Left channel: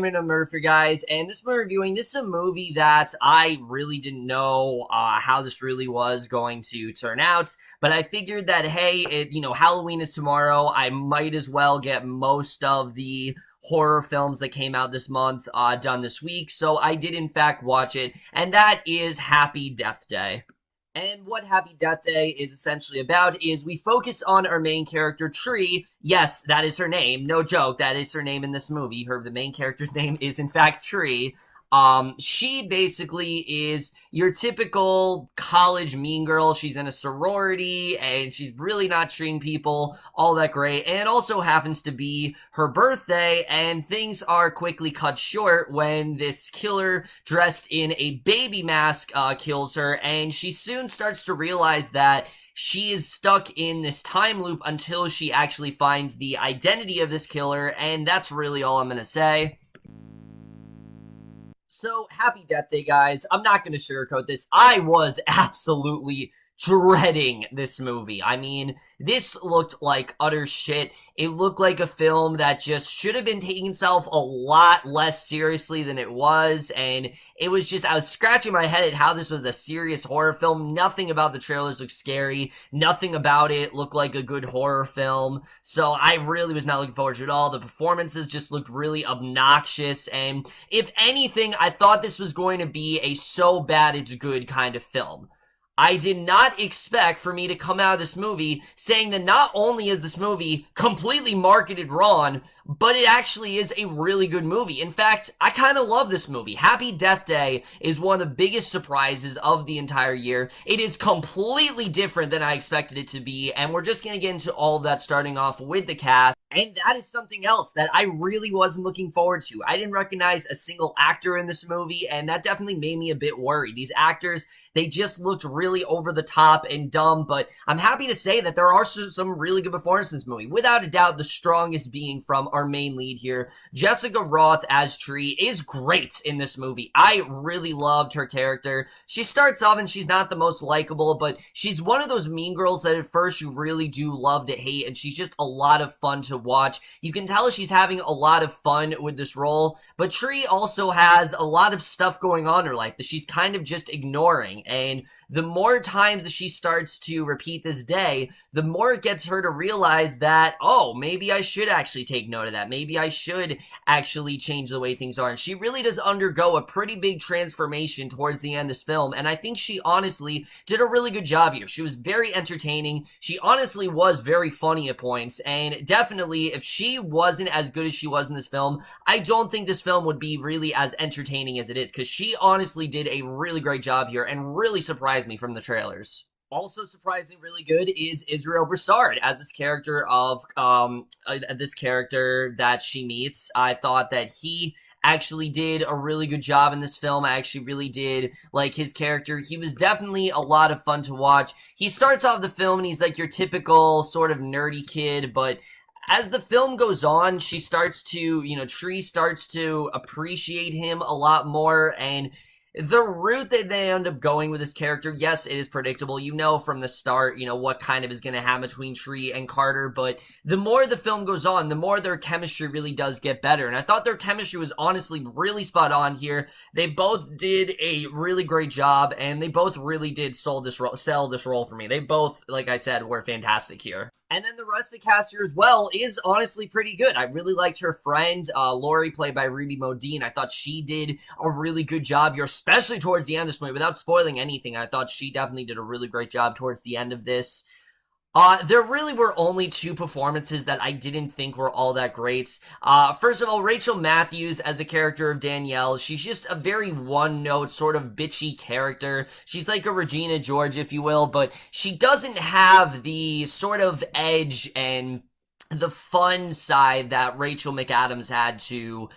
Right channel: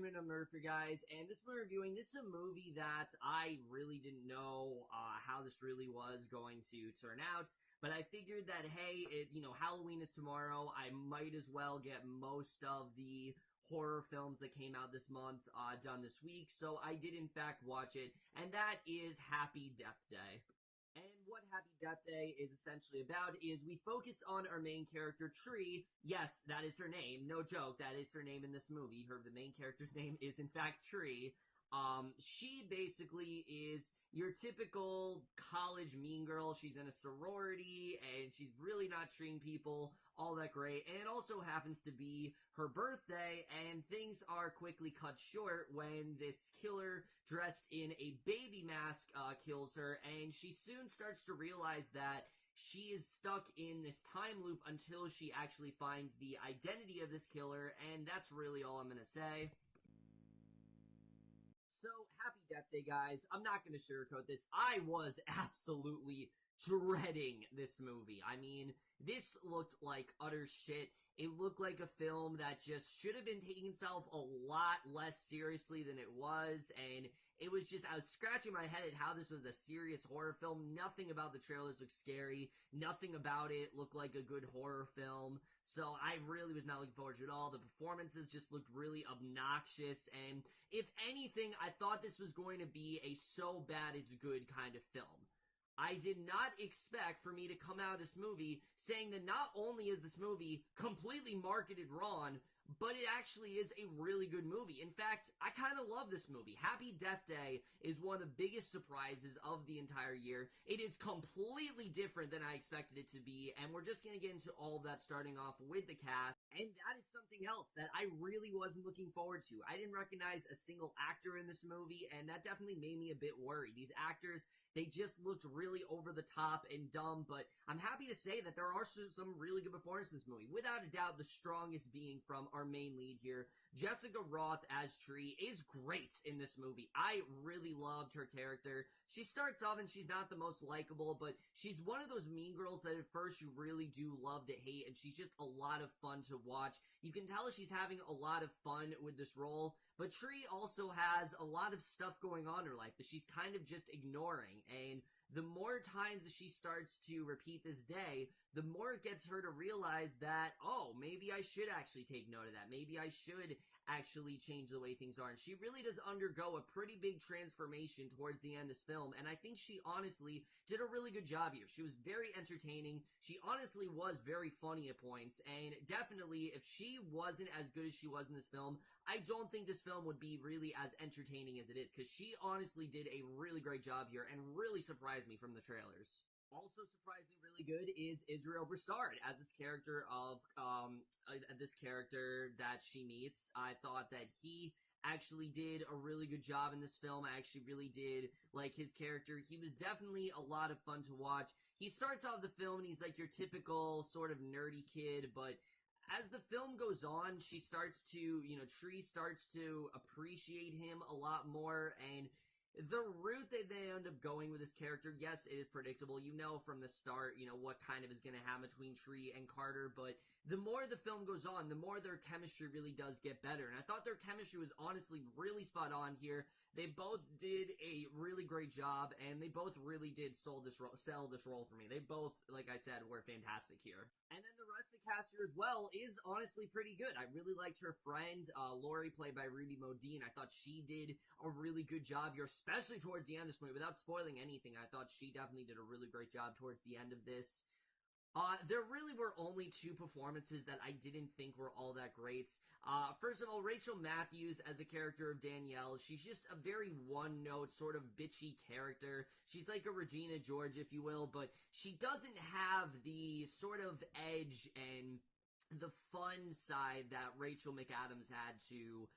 Cameron of Murphy, guys, and this we're reviewing. This is a movie that I really didn't know how this really was going to turn out, but I figured that hey, Halloween is tomorrow. I might as well get most of the horror films that came out this month done this week. So I did in fact watch it, and that is Happy Death Day. And what Happy Death Day is essentially about is we focus on our main character, Tree. Yes, that is her name. No joke. That is her name in this movie. The main character's name is in fact Tree. She basically is your typical college mean girl. She's in a sorority and she's really not treating people all that great. And it also happens to be her birthday, and things are quickly cut short when this killer dressed in a baby mask kills her, and she soon starts to realize that she is stuck in this time loop until she actually finds the identity of this killer, and that's really all I'm gonna say. So, Happy Death Day, guys. I'm not going to sugarcoat this. I was absolutely dreading this movie. I mean, this looked like utter shit. It looked like a film that just should have been taking itself a lot less seriously than it was, and it was just, I was scratching my head at how this was a serious horror film. Nothing about the trailers looked scary. Nothing about it looked like a good horror film, so I really was not looking forward to it at all. The performances just looked really obnoxious, and if anything, I thought this was going to be a so bad it's good kind of film. I did not expect for me to come out of this movie saying that not only is this movie completely marketed wrong, but it actually is a really good movie. In fact, I kind of love this movie. Happy Death Day is one of the biggest surprises of the entire year. It is completely different than I expected it to be, and we're just going to get into all of that starting off with the cast. And that is something else that I really wasn't looking forward to. I didn't recognize a single actor in this movie, and that definitely made me a bit worried. These actors, they just looked really over the top and dumb, but I'm happy to say that there are some really good performances in this movie. Without a doubt, the strongest being from our main lead here. Jessica Rothe as Tree is great in this movie. I really loved her character. She starts off and she's not the most likable, but she's one of those mean girls that at first you really do love to hate, and she's just a lot of fun to watch. You can tell she's having a lot of fun with this role, but Tree also has a lot of stuff going on in her life that she's kind of just ignoring, and the more times that she starts to repeat this day, the more it gets her to realize that, oh, maybe I should actually take note of that. Maybe I should actually change the way things are. And she really does undergo a pretty big transformation towards the end of this film, and I think she honestly did a really good job here. She was very entertaining. She honestly was very funny at points, and definitely, if she wasn't as good as she was in this film, I don't think this film would be really as entertaining as it is, because she honestly did a really great job here and really surprised me from the trailers. Also surprisingly really good is Israel Broussard as this character that she meets. I thought that he actually did a really good job in this film. I actually really did like his character. He was definitely a lot of fun to watch. He starts off the film and he's like your typical sort of nerdy kid, but as the film goes on, Tree starts to appreciate him a lot more, and the route that they end up going with this character, yes, it is predictable. You know from the start, what kind of is going to happen between Tree and Carter, but the more the film goes on, the more their chemistry really does get better, and I thought their chemistry was honestly really spot on here. They both did a really great job, and they both really did sell this role for me. They both, like I said, were fantastic here. And then the rest of the cast here as well is honestly pretty good. I really liked her friend, Lori, played by Ruby Modine. I thought she did a really good job here, especially towards the end of this movie. Without spoiling anything, I thought she definitely did a really great job towards the end of this. There really were only two performances that I didn't think were all that great. First of all, Rachel Matthews as a character of Danielle. She's just a very one-note, sort of bitchy character. She's like a Regina George, if you will, but she doesn't have the sort of edge and the fun side that Rachel McAdams had to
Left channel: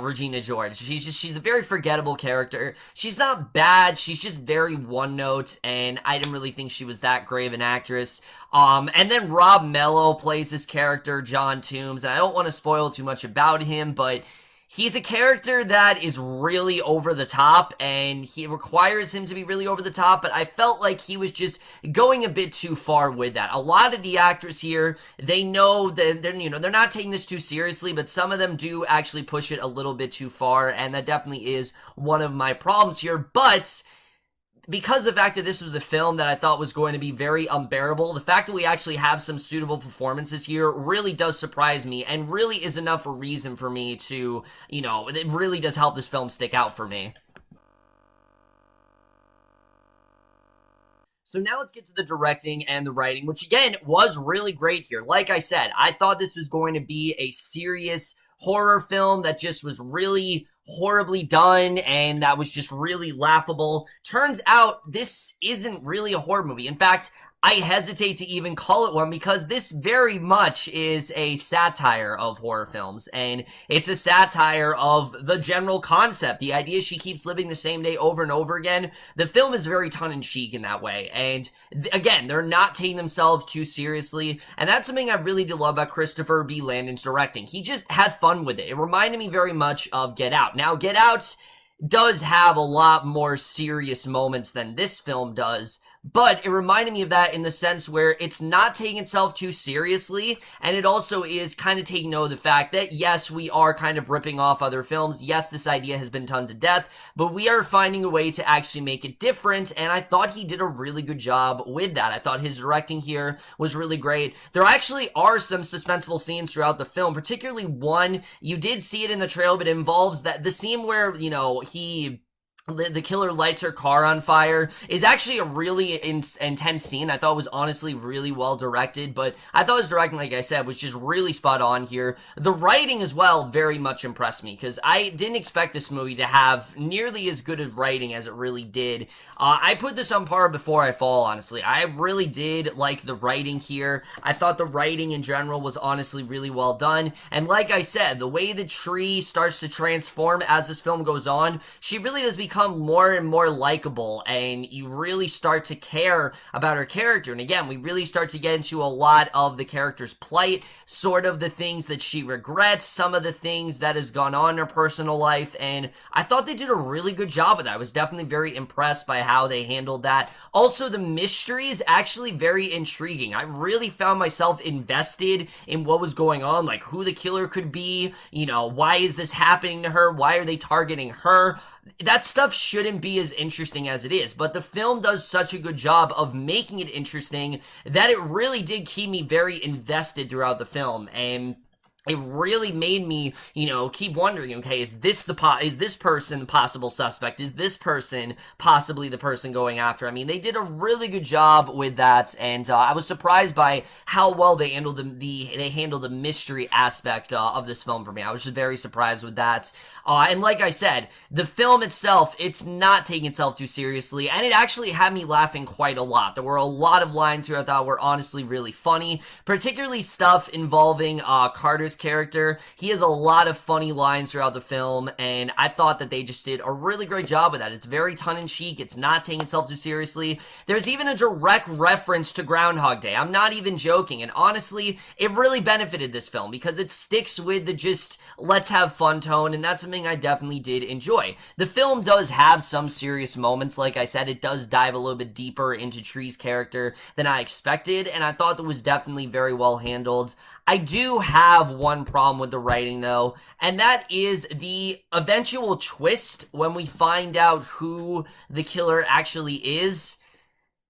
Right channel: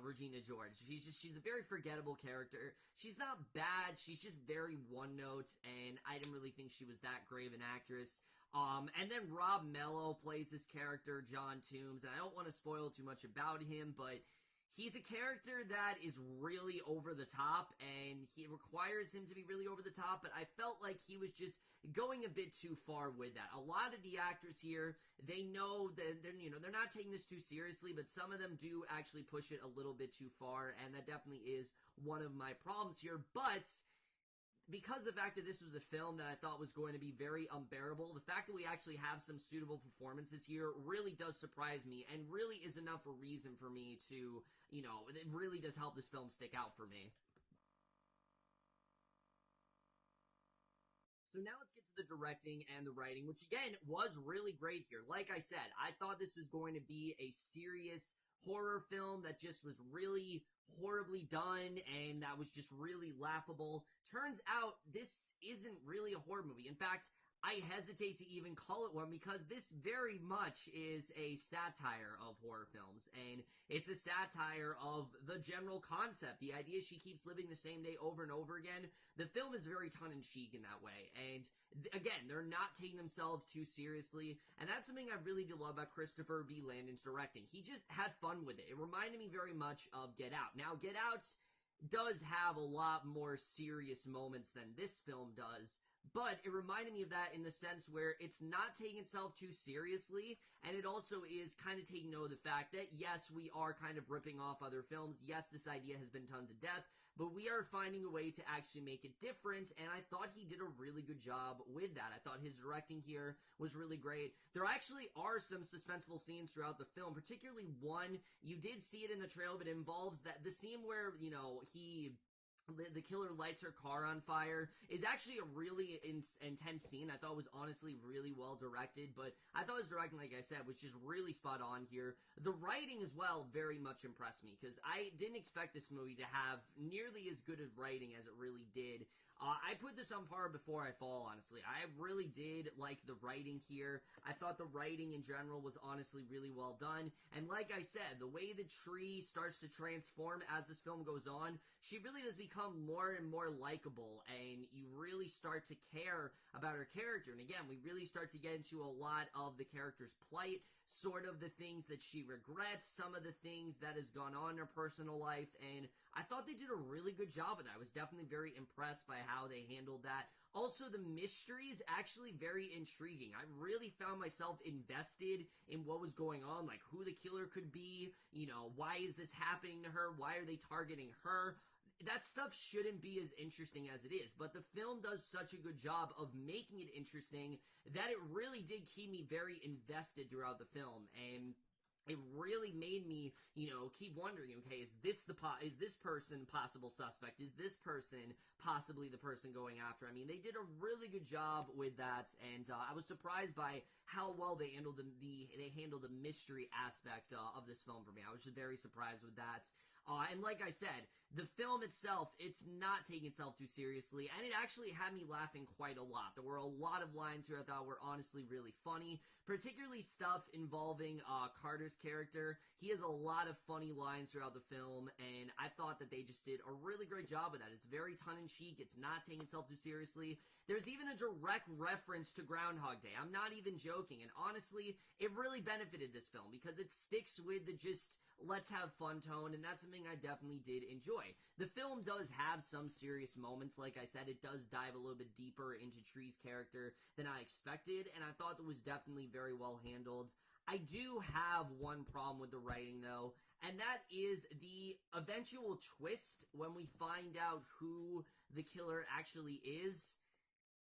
Regina George. She's a very forgettable character. She's not bad, she's just very one note, and I didn't really think she was that great of an actress. And then Rob Mello plays this character, John Toombs, and I don't want to spoil too much about him, but he's a character that is really over the top, and he requires him to be really over the top, but I felt like he was just going a bit too far with that. A lot of the actors here, they know that they're not taking this too seriously, but some of them do actually push it a little bit too far, and that definitely is one of my problems here. But because of the fact that this was a film that I thought was going to be very unbearable, the fact that we actually have some suitable performances here really does surprise me, and really is enough a reason for me to, it really does help this film stick out for me. So now let's get to the directing and the writing, which again was really great here. Like I said, I thought this was going to be a serious horror film that just was really horribly done and that was just really laughable. Turns out this isn't really a horror movie. In fact, I hesitate to even call it one because this very much is a satire of horror films, and it's a satire of the general concept. The idea she keeps living the same day over and over again. The film is very tongue-in-cheek in that way, and again, they're not taking themselves too seriously, and that's something I really do love about Christopher B. Landon's directing. He just had fun with it. It reminded me very much of Get Out. Now, Get Out does have a lot more serious moments than this film does, but it reminded me of that in the sense where it's not taking itself too seriously, and it also is kind of taking note of the fact that, yes, we are kind of ripping off other films. Yes, this idea has been done to death, but we are finding a way to actually make it different, and I thought he did a really good job with that. I thought his directing here was really great. There actually are some suspenseful scenes throughout the film, particularly one, you did see it in the trailer, but it involves the scene where, the killer lights her car on fire is actually a really intense scene. I thought it was honestly really well directed, but I thought his directing, like I said, was just really spot on here. The writing as well very much impressed me because I didn't expect this movie to have nearly as good a writing as it really did. I put this on par Before I Fall, honestly. I really did like the writing here. I thought the writing in general was honestly really well done, and like I said, the way the tree starts to transform as this film goes on, she really does become more and more likable, and you really start to care about her character. And again, we really start to get into a lot of the character's plight, sort of the things that she regrets, some of the things that has gone on in her personal life, and I thought they did a really good job of that. I was definitely very impressed by how they handled that. Also, the mystery is actually very intriguing. I really found myself invested in what was going on, like who the killer could be, why is this happening to her, why are they targeting her. That stuff shouldn't be as interesting as it is, but the film does such a good job of making it interesting that it really did keep me very invested throughout the film, and it really made me, keep wondering, okay, is this person the possible suspect? Is this person possibly the person going after? I mean, they did a really good job with that, and I was surprised by how well they handled the mystery aspect of this film for me. I was just very surprised with that. And like I said, the film itself, it's not taking itself too seriously, and it actually had me laughing quite a lot. There were a lot of lines here I thought were honestly really funny, particularly stuff involving Carter's character. He has a lot of funny lines throughout the film, and I thought that they just did a really great job with that. It's very tongue-in-cheek. It's not taking itself too seriously. There's even a direct reference to Groundhog Day. I'm not even joking, and honestly, it really benefited this film because it sticks with the just let's have fun tone, and that's something I definitely did enjoy. The film does have some serious moments. Like I said, it does dive a little bit deeper into Tree's character than I expected, and I thought that was definitely very well handled. I do have one problem with the writing, though, and that is the eventual twist when we find out who the killer actually is.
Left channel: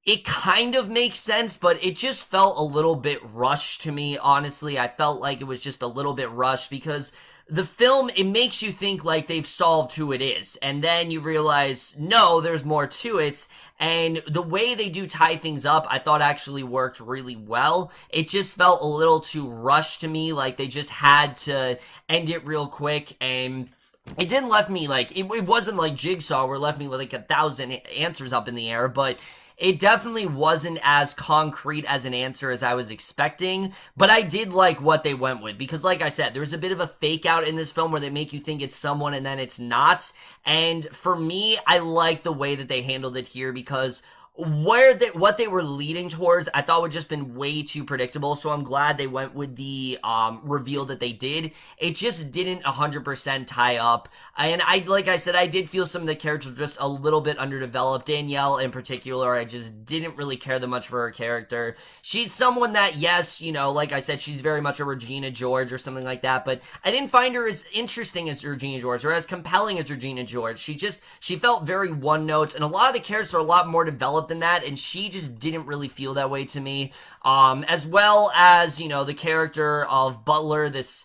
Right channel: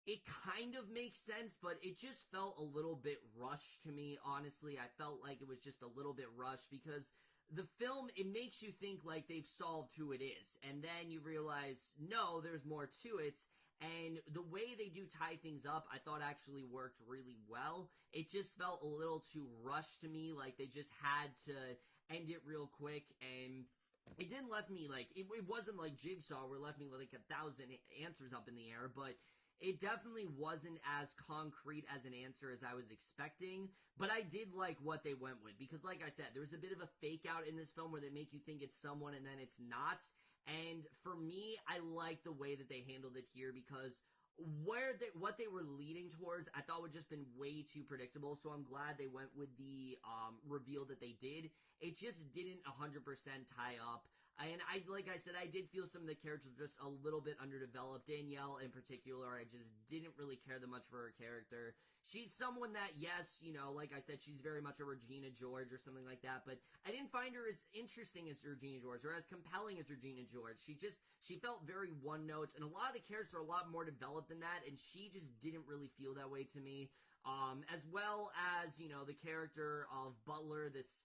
It kind of makes sense, but it just felt a little bit rushed to me, honestly. I felt like it was just a little bit rushed because the film, it makes you think like they've solved who it is, and then you realize, no, there's more to it, and the way they do tie things up, I thought actually worked really well. It just felt a little too rushed to me, like they just had to end it real quick, and it didn't left me like, it wasn't like Jigsaw where it left me with like 1,000 answers up in the air, but it definitely wasn't as concrete as an answer as I was expecting, but I did like what they went with, because like I said, there's a bit of a fake out in this film where they make you think it's someone and then it's not, and for me, I like the way that they handled it here, because what they were leading towards, I thought would just been way too predictable. So I'm glad they went with the reveal that they did. It just didn't 100% tie up, and like I said, I did feel some of the characters were just a little bit underdeveloped. Danielle in particular, I just didn't really care that much for her character. She's someone that, yes, like I said, she's very much a Regina George or something like that, but I didn't find her as interesting as Regina George or as compelling as Regina George. She felt very one notes, and a lot of the characters are a lot more developed than that, and she just didn't really feel that way to me. As well as, the character of Butler, this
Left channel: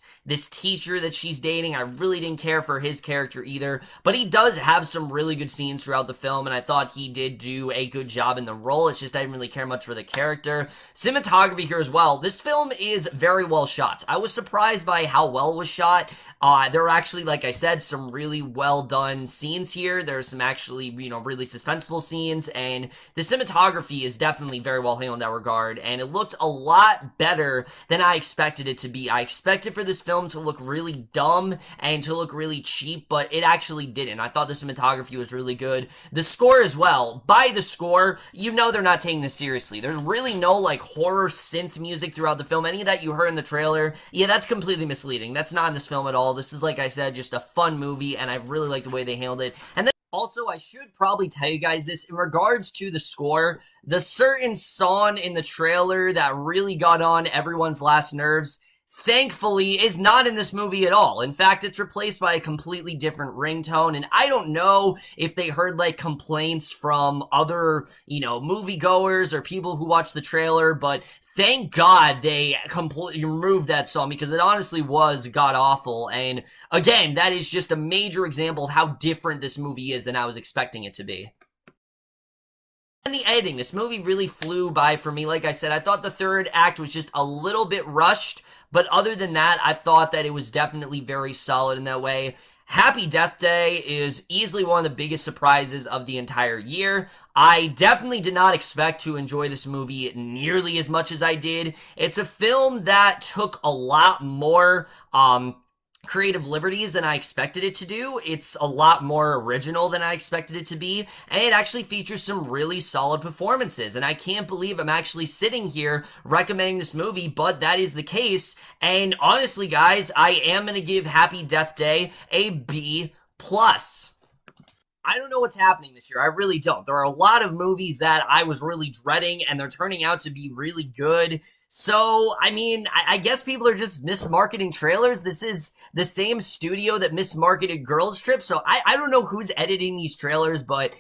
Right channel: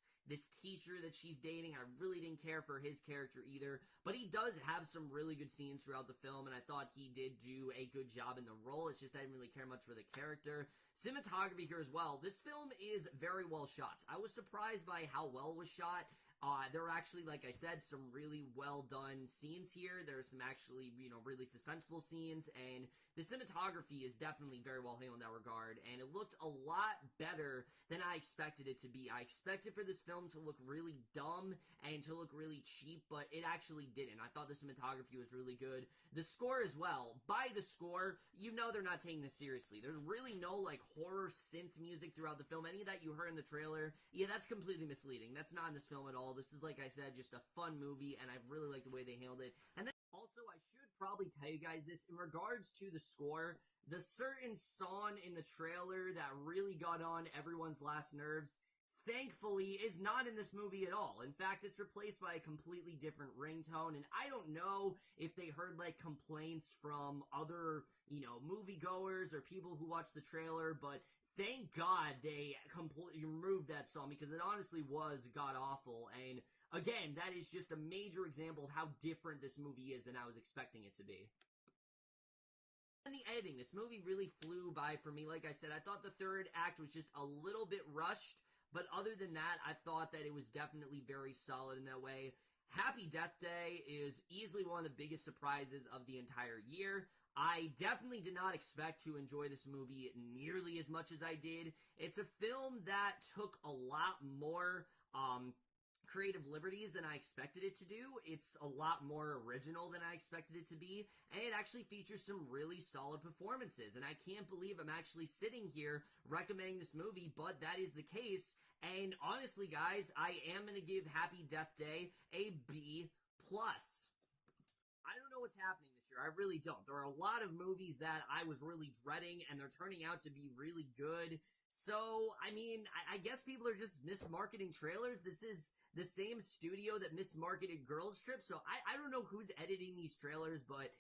teacher that she's dating. I really didn't care for his character either, but he does have some really good scenes throughout the film, and I thought he did do a good job in the role. It's just I didn't really care much for the character. Cinematography here as well. This film is very well shot. I was surprised by how well it was shot. There are actually, like I said, some really well done scenes here. There's some actually, really suspenseful scenes, and the cinematography is definitely very well handled in that regard, and it looked a lot better than I expected it to be. I expected for this film to look really dumb and to look really cheap, but it actually didn't. I thought the cinematography was really good. The score as well. By the score, they're not taking this seriously. There's really no, horror synth music throughout the film. Any of that you heard in the trailer, yeah, that's completely misleading. That's not in this film at all. This is, like I said, just a fun movie, and I really like the way they handled it. And then also, I should probably tell you guys this in regards to the score. The certain song in the trailer that really got on everyone's last nerves, thankfully, is not in this movie at all. In fact, it's replaced by a completely different ringtone, and I don't know if they heard, complaints from other, moviegoers or people who watched the trailer, but thank God they completely removed that song, because it honestly was god-awful, and again, that is just a major example of how different this movie is than I was expecting it to be. And the editing, this movie really flew by for me. Like I said, I thought the third act was just a little bit rushed, but other than that, I thought that it was definitely very solid in that way. Happy Death Day is easily one of the biggest surprises of the entire year. I definitely did not expect to enjoy this movie nearly as much as I did. It's a film that took a lot more creative liberties than I expected it to do. It's a lot more original than I expected it to be, and it actually features some really solid performances, and I can't believe I'm actually sitting here recommending this movie, but that is the case. And honestly, guys, I am going to give Happy Death Day a B+. I don't know what's happening this year. I really don't. There are a lot of movies that I was really dreading, and they're turning out to be really good. So, I guess people are just mismarketing trailers. This is the same studio that mismarketed Girls Trip, so I don't know who's editing these trailers, but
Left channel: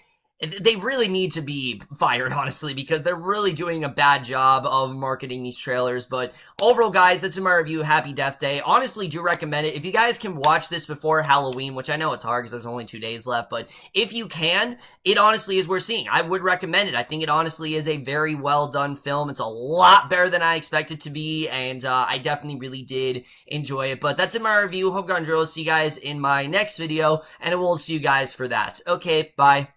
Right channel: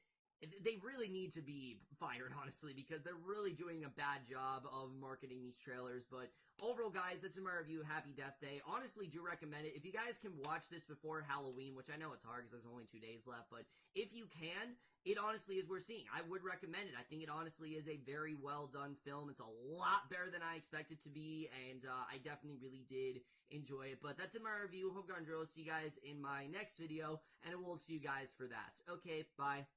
they really need to be fired, honestly, because they're really doing a bad job of marketing these trailers. But overall, guys, that's in my review of Happy Death Day. Honestly, do recommend it. If you guys can watch this before Halloween, which I know it's hard because there's only 2 days left, but if you can, it honestly is worth seeing. I would recommend it. I think it honestly is a very well done film. It's a lot better than I expected to be, and I definitely really did enjoy it. But that's in my review. Hope you enjoyed. See you guys in my next video, and I will see you guys for that. Okay, bye.